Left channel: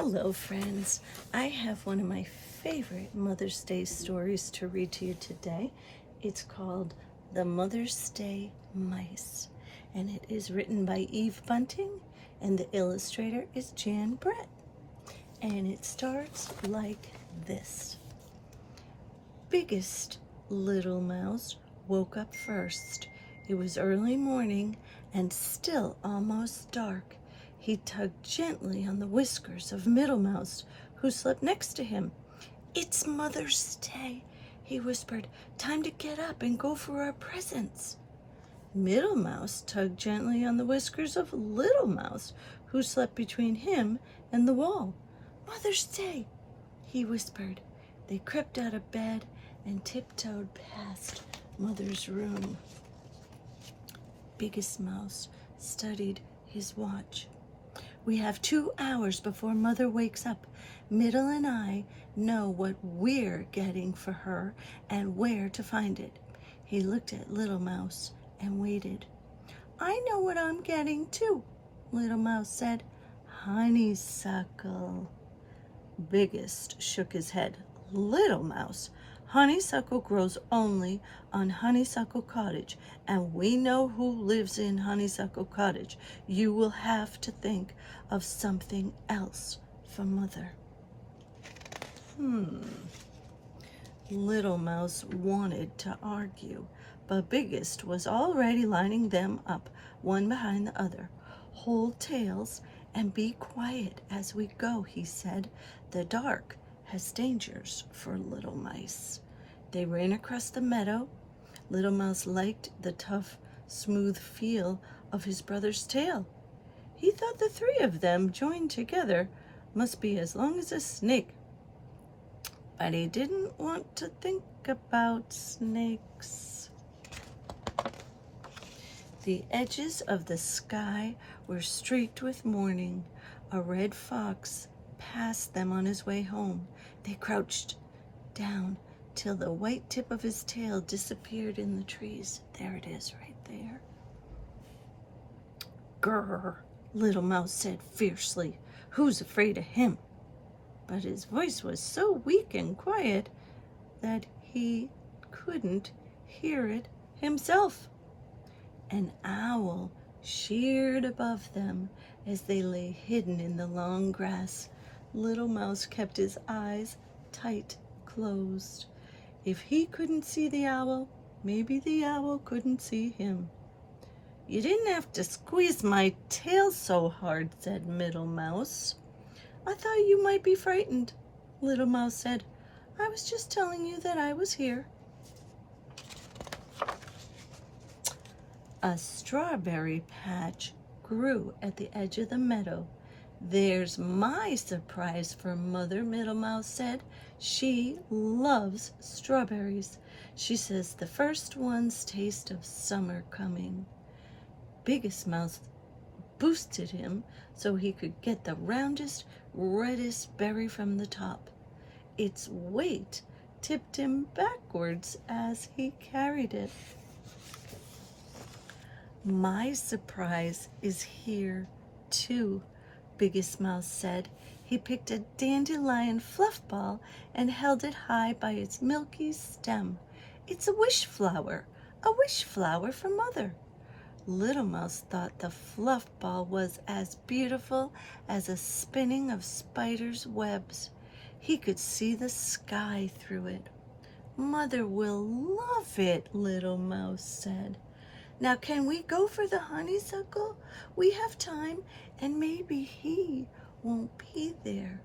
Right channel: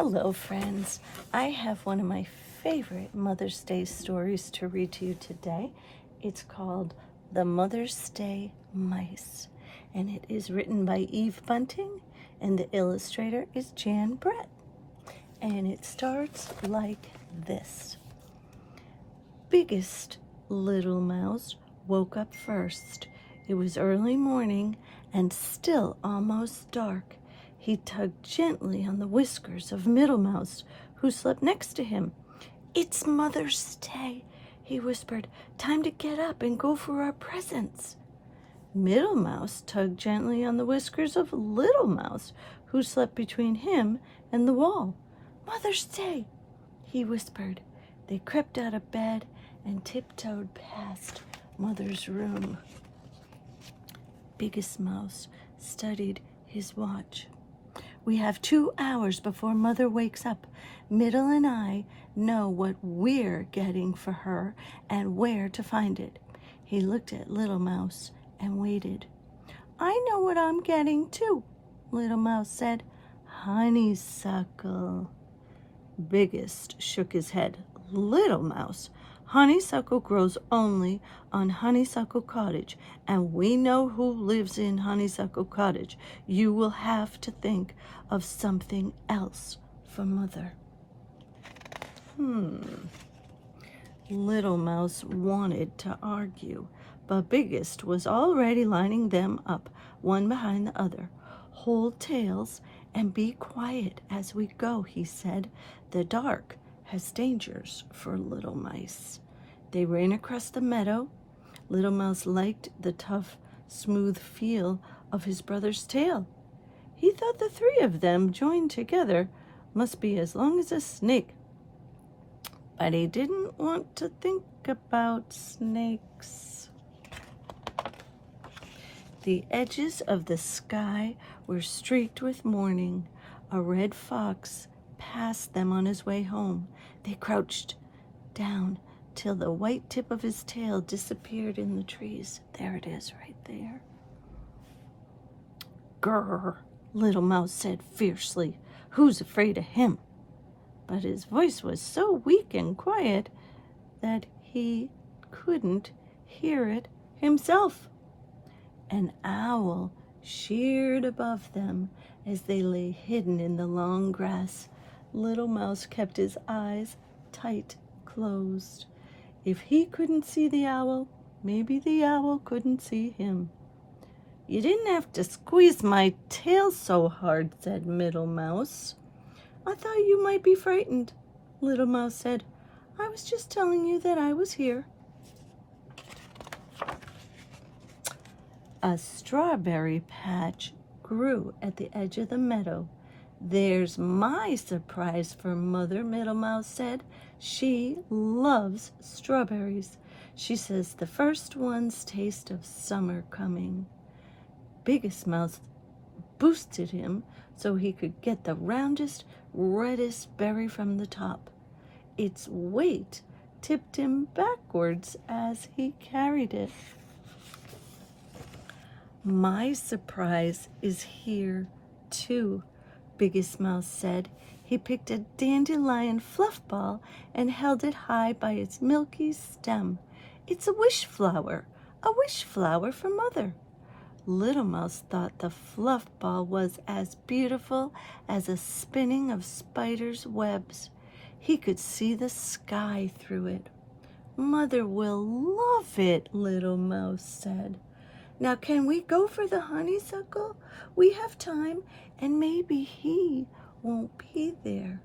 Hello, friends. I have one of my favorite Mother's Day stories to read to you today. It's called The Mother's Day Mice, and it is written by Eve Bunting, and the illustrator is Jan Brett. And it starts like this. Biggest little mouse woke up first. It was early morning and still almost dark. He tugged gently on the whiskers of Middle Mouse, who slept next to him. "It's Mother's Day," he whispered. "Time to get up and go for our presents." Middle Mouse tugged gently on the whiskers of Little Mouse, who slept between him and the wall. "Mother's Day," he whispered. They crept out of bed and tiptoed past Mother's room. Biggest Mouse studied his watch. "We have 2 hours before Mother wakes up. Middle and I know what we're getting for her and where to find it." He looked at Little Mouse and waited. "I know what I'm getting too," Little Mouse said. "Honeysuckle." Biggest shook his head. "Little Mouse, honeysuckle grows only on Honeysuckle Cottage, and we know who lives in Honeysuckle Cottage. You will have to think of something else for Mother." Little Mouse wanted to argue, but Biggest was already lining them up, one behind the other. "Hold tails and be quiet as we go," he said. "The dark has dangers for little mice." They ran across the meadow. Little Mouse liked the tough, smooth feel of his brother's tail. He thought the 3 of them joined together must be as long as a snake. But he didn't want to think about snakes. The edges of the sky were streaked with morning. A red fox passed them on his way home. They crouched down till the white tip of his tail disappeared in the trees. There it is, right there. "Grrr," Little Mouse said fiercely. "Who's afraid of him?" But his voice was so weak and quiet that he couldn't hear it himself. An owl sheared above them as they lay hidden in the long grass. Little Mouse kept his eyes tight closed. If he couldn't see the owl, maybe the owl couldn't see him. "You didn't have to squeeze my tail so hard," said Middle Mouse. "I thought you might be frightened," Little Mouse said. "I was just telling you that I was here." A strawberry patch grew at the edge of the meadow. "There's my surprise for Mother," Middle Mouse said. "She loves strawberries. She says the first ones taste of summer coming." Biggest Mouse boosted him so he could get the roundest, reddest berry from the top. Its weight tipped him backwards as he carried it. "My surprise is here, too," Biggest Mouse said. He picked a dandelion fluff ball and held it high by its milky stem. "It's a wish flower for Mother." Little Mouse thought the fluff ball was as beautiful as a spinning of spiders' webs. He could see the sky through it. "Mother will love it," Little Mouse said. "Now can we go for the honeysuckle? We have time, and maybe he won't be there."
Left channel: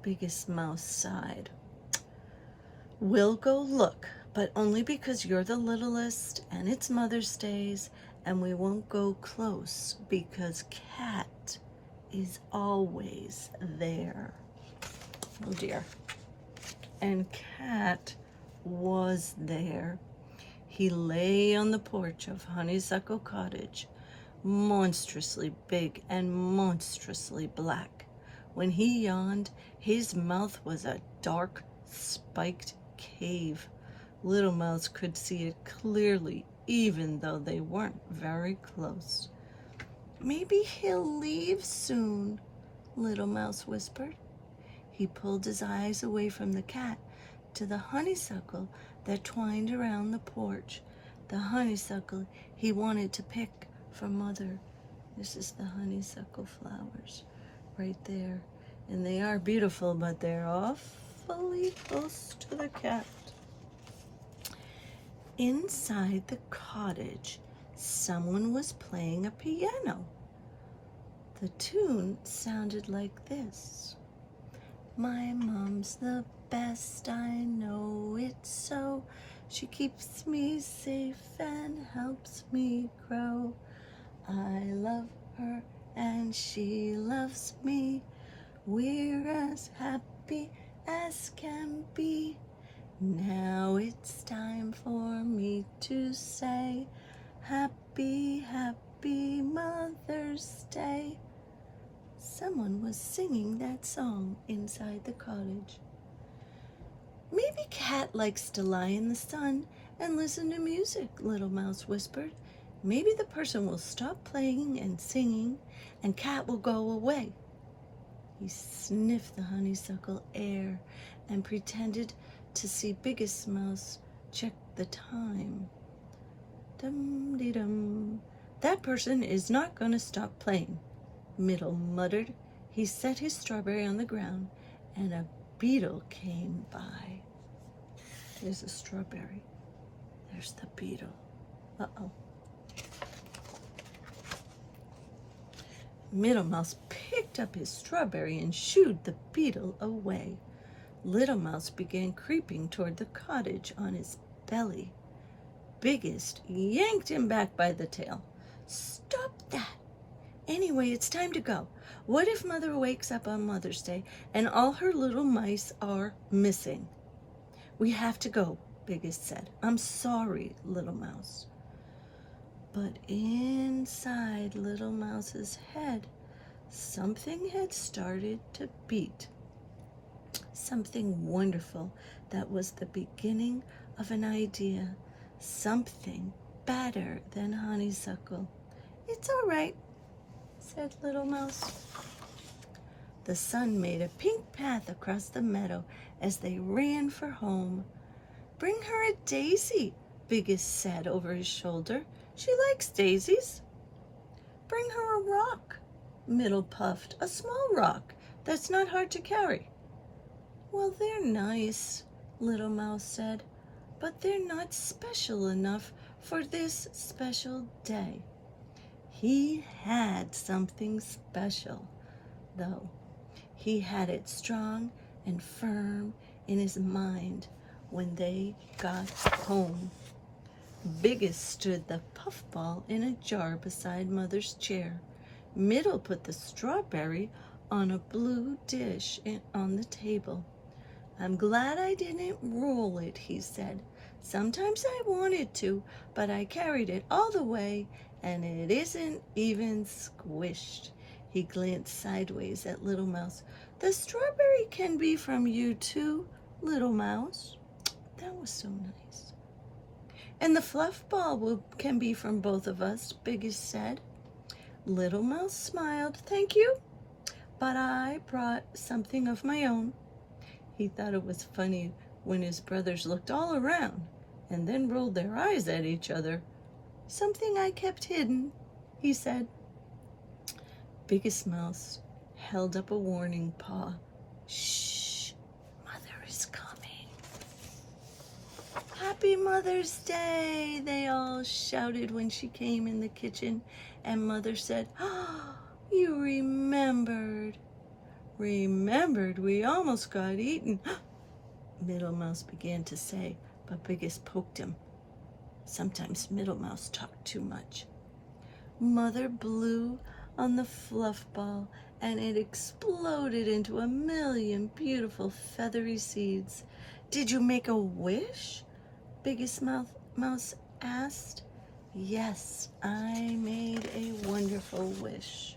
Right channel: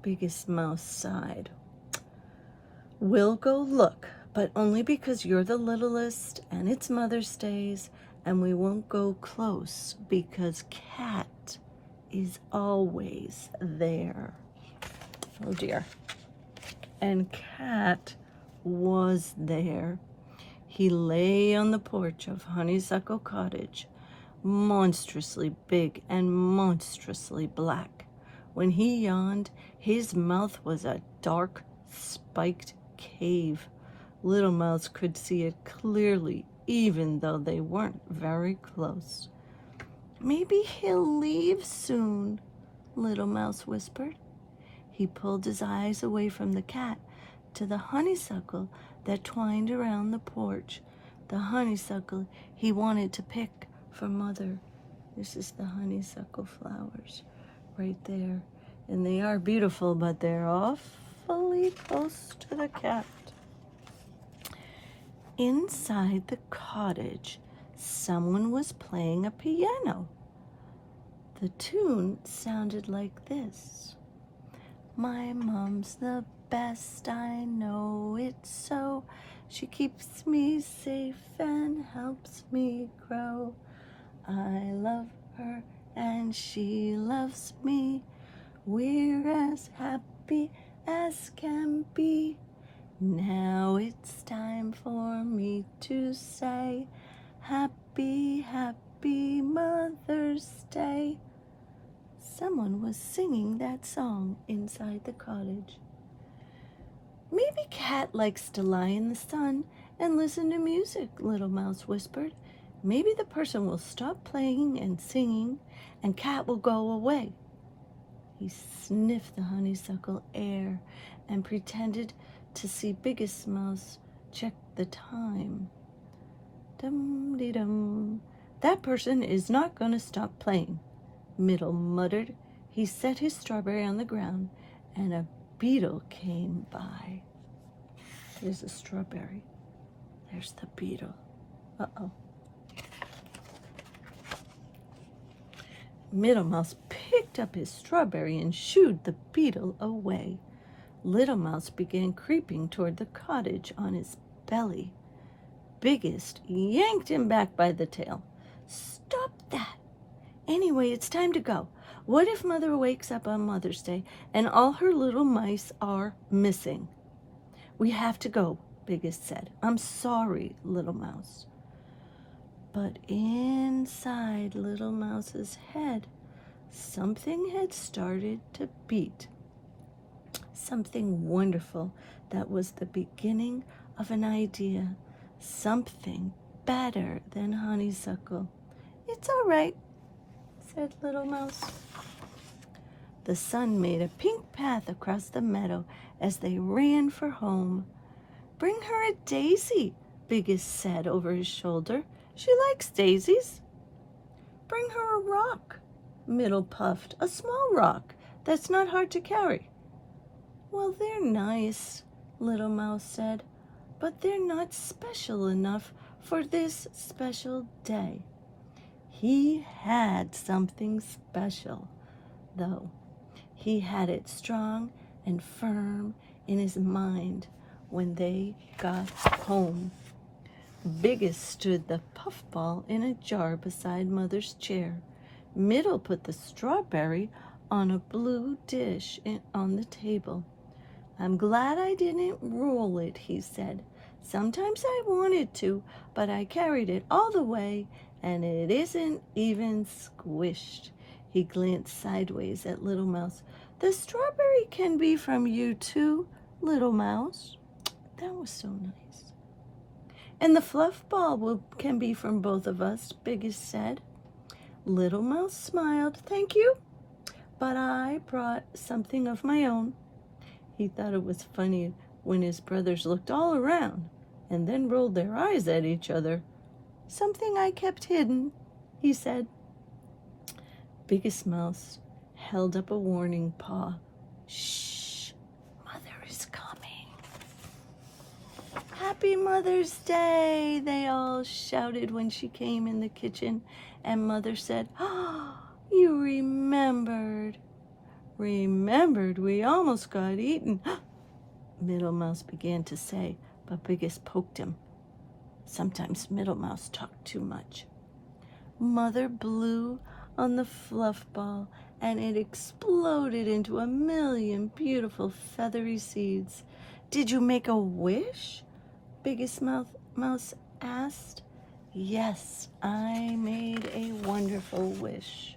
Biggest Mouse sighed. "We'll go look, but only because you're the littlest and it's Mother's Day, and we won't go close because Cat is always there." Oh dear. And Cat was there. He lay on the porch of Honeysuckle Cottage, monstrously big and monstrously black. When he yawned, his mouth was a dark, spiked cave. Little Mouse could see it clearly, even though they weren't very close. "Maybe he'll leave soon," Little Mouse whispered. He pulled his eyes away from the cat to the honeysuckle that twined around the porch. The honeysuckle he wanted to pick for Mother. This is the honeysuckle flowers right there. And they are beautiful, but they're awfully close to the cat. Inside the cottage, someone was playing a piano. The tune sounded like this. My mom's the best, I know it's so. She keeps me safe and helps me grow. I love her and she loves me. We're as happy as can be. Now it's time for me to say, happy, happy Mother's Day. Someone was singing that song inside the cottage. Maybe Cat likes to lie in the sun and listen to music, Little Mouse whispered. Maybe the person will stop playing and singing and Cat will go away. He sniffed the honeysuckle air and pretended to see Biggest Mouse check the time. Dum-de-dum. That person is not going to stop playing, Middle muttered. He set his strawberry on the ground and a beetle came by. There's a strawberry. There's the beetle. Uh-oh. Middle Mouse picked up his strawberry and shooed the beetle away. Little Mouse began creeping toward the cottage on his belly. Biggest yanked him back by the tail. Stop that! Anyway, it's time to go. What if Mother wakes up on Mother's Day and all her little mice are missing? We have to go, Biggest said. I'm sorry, Little Mouse. But inside Little Mouse's head, something had started to beat. Something wonderful that was the beginning of an idea. Something better than honeysuckle. It's all right, said Little Mouse. The sun made a pink path across the meadow as they ran for home. Bring her a daisy, Biggest said over his shoulder. She likes daisies. Bring her a rock, Middle puffed. A small rock that's not hard to carry. Well, they're nice, Little Mouse said, but they're not special enough for this special day. He had something special, though. He had it strong and firm in his mind when they got home. Biggest stood the puffball in a jar beside Mother's chair. Middle put the strawberry on a blue dish on the table. I'm glad I didn't roll it, he said. Sometimes I wanted to, but I carried it all the way, and it isn't even squished. He glanced sideways at Little Mouse. The strawberry can be from you too, Little Mouse. That was so nice. And the fluff ball can be from both of us, Biggest said. Little Mouse smiled. Thank you, but I brought something of my own. He thought it was funny when his brothers looked all around and then rolled their eyes at each other. Something I kept hidden, he said. Biggest Mouse held up a warning paw. Shh, Mother is coming. Happy Mother's Day, they all shouted when she came in the kitchen, and Mother said, oh, you remembered. Remembered, we almost got eaten. Middle Mouse began to say, but Biggest poked him. Sometimes Middle Mouse talked too much. Mother blew on the fluff ball, and it exploded into a million beautiful feathery seeds. Did you make a wish? Biggest Mouse asked. Yes, I made a wonderful wish.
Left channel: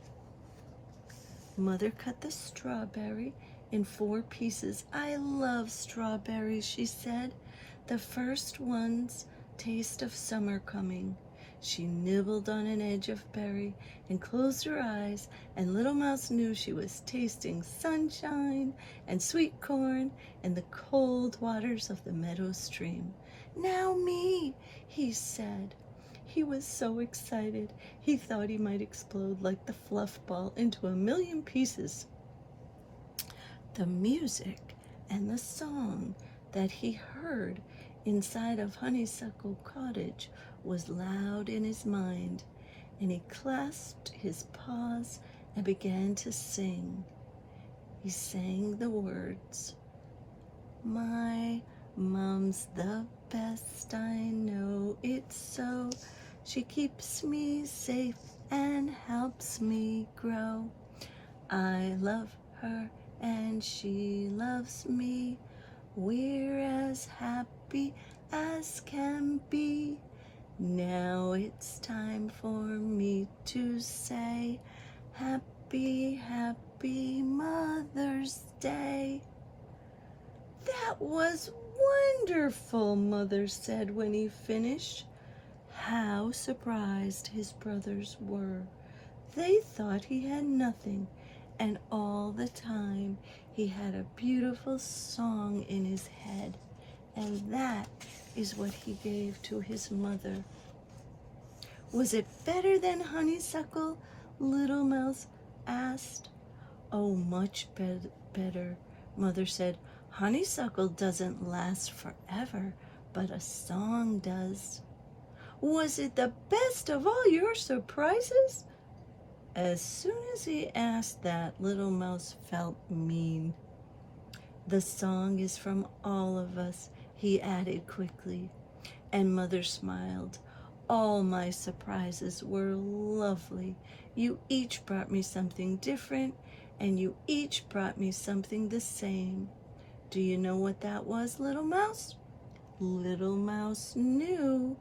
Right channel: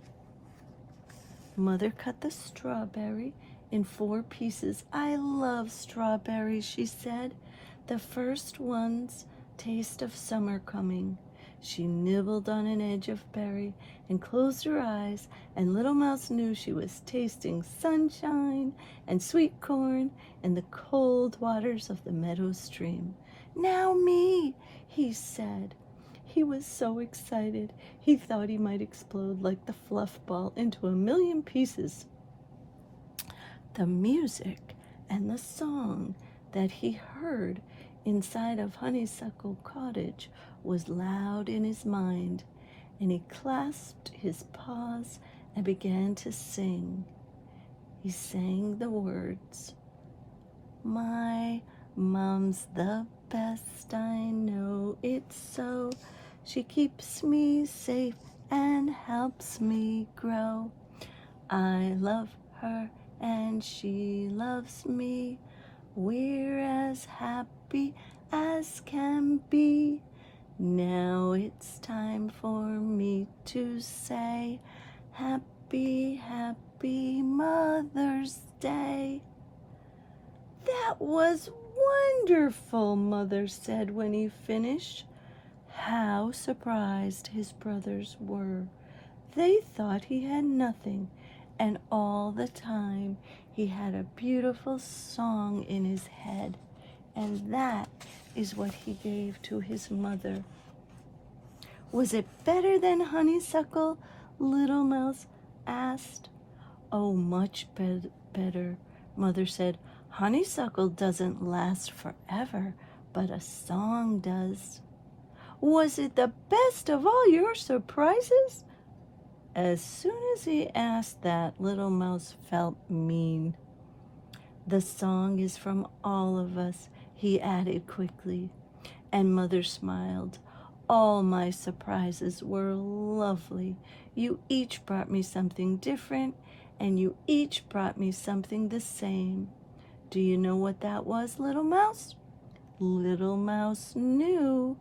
Mother cut the strawberry in 4 pieces. I love strawberries, she said. The first one's taste of summer coming. She nibbled on an edge of berry and closed her eyes, and Little Mouse knew she was tasting sunshine and sweet corn in the cold waters of the meadow stream. "Now me," he said. He was so excited, he thought he might explode like the fluff ball into a million pieces. The music and the song that he heard inside of Honeysuckle Cottage was loud in his mind, and he clasped his paws and began to sing. He sang the words, "My mom's the best, I know it's so. She keeps me safe and helps me grow. I love her and she loves me. We're as happy as can be. Now it's time for me to say, happy, happy Mother's Day." "That was wonderful," Mother said when he finished. How surprised his brothers were. They thought he had nothing, and all the time he had a beautiful song in his head, and that is what he gave to his mother. "Was it better than honeysuckle?" Little Mouse asked. "Oh, much better," Mother said. "Honeysuckle doesn't last forever, but a song does." "Was it the best of all your surprises?" As soon as he asked that, Little Mouse felt mean. "The song is from all of us," he added quickly, and Mother smiled. "All my surprises were lovely. You each brought me something different, and you each brought me something the same. Do you know what that was, Little Mouse?" Little Mouse knew.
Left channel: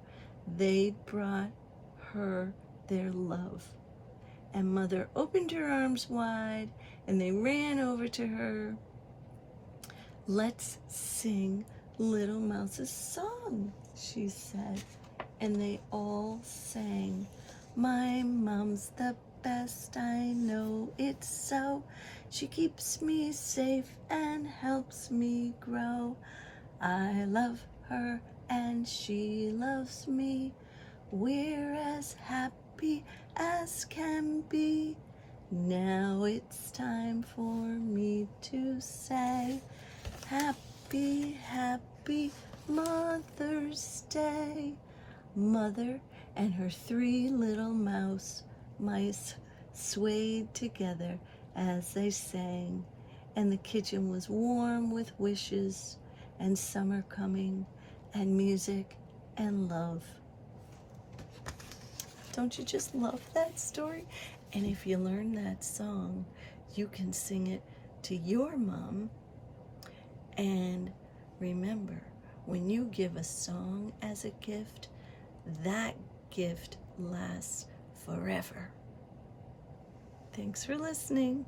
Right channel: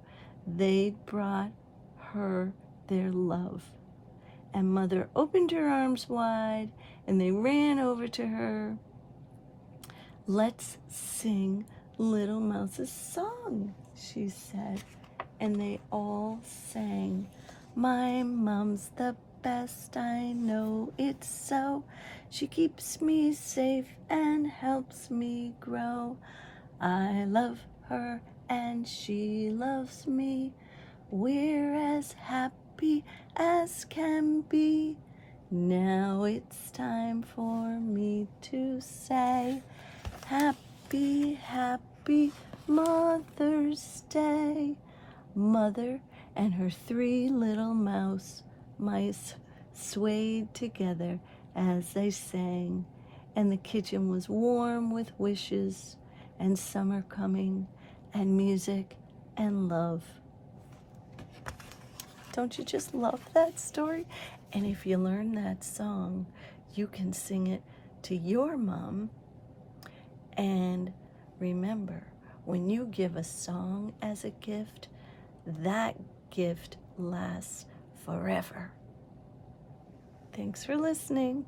They brought her their love. And Mother opened her arms wide, and they ran over to her. "Let's sing Little Mouse's song," she said. And they all sang, "My mom's the best, I know it's so. She keeps me safe and helps me grow. I love her and she loves me. We're as happy as can be. Now it's time for me to say, happy, happy Mother's Day." Mother and her 3 little mice swayed together as they sang, and the kitchen was warm with wishes and summer coming and music and love. Don't you just love that story? And if you learn that song, you can sing it to your mom. And remember, when you give a song as a gift, that gift lasts forever. Thanks for listening.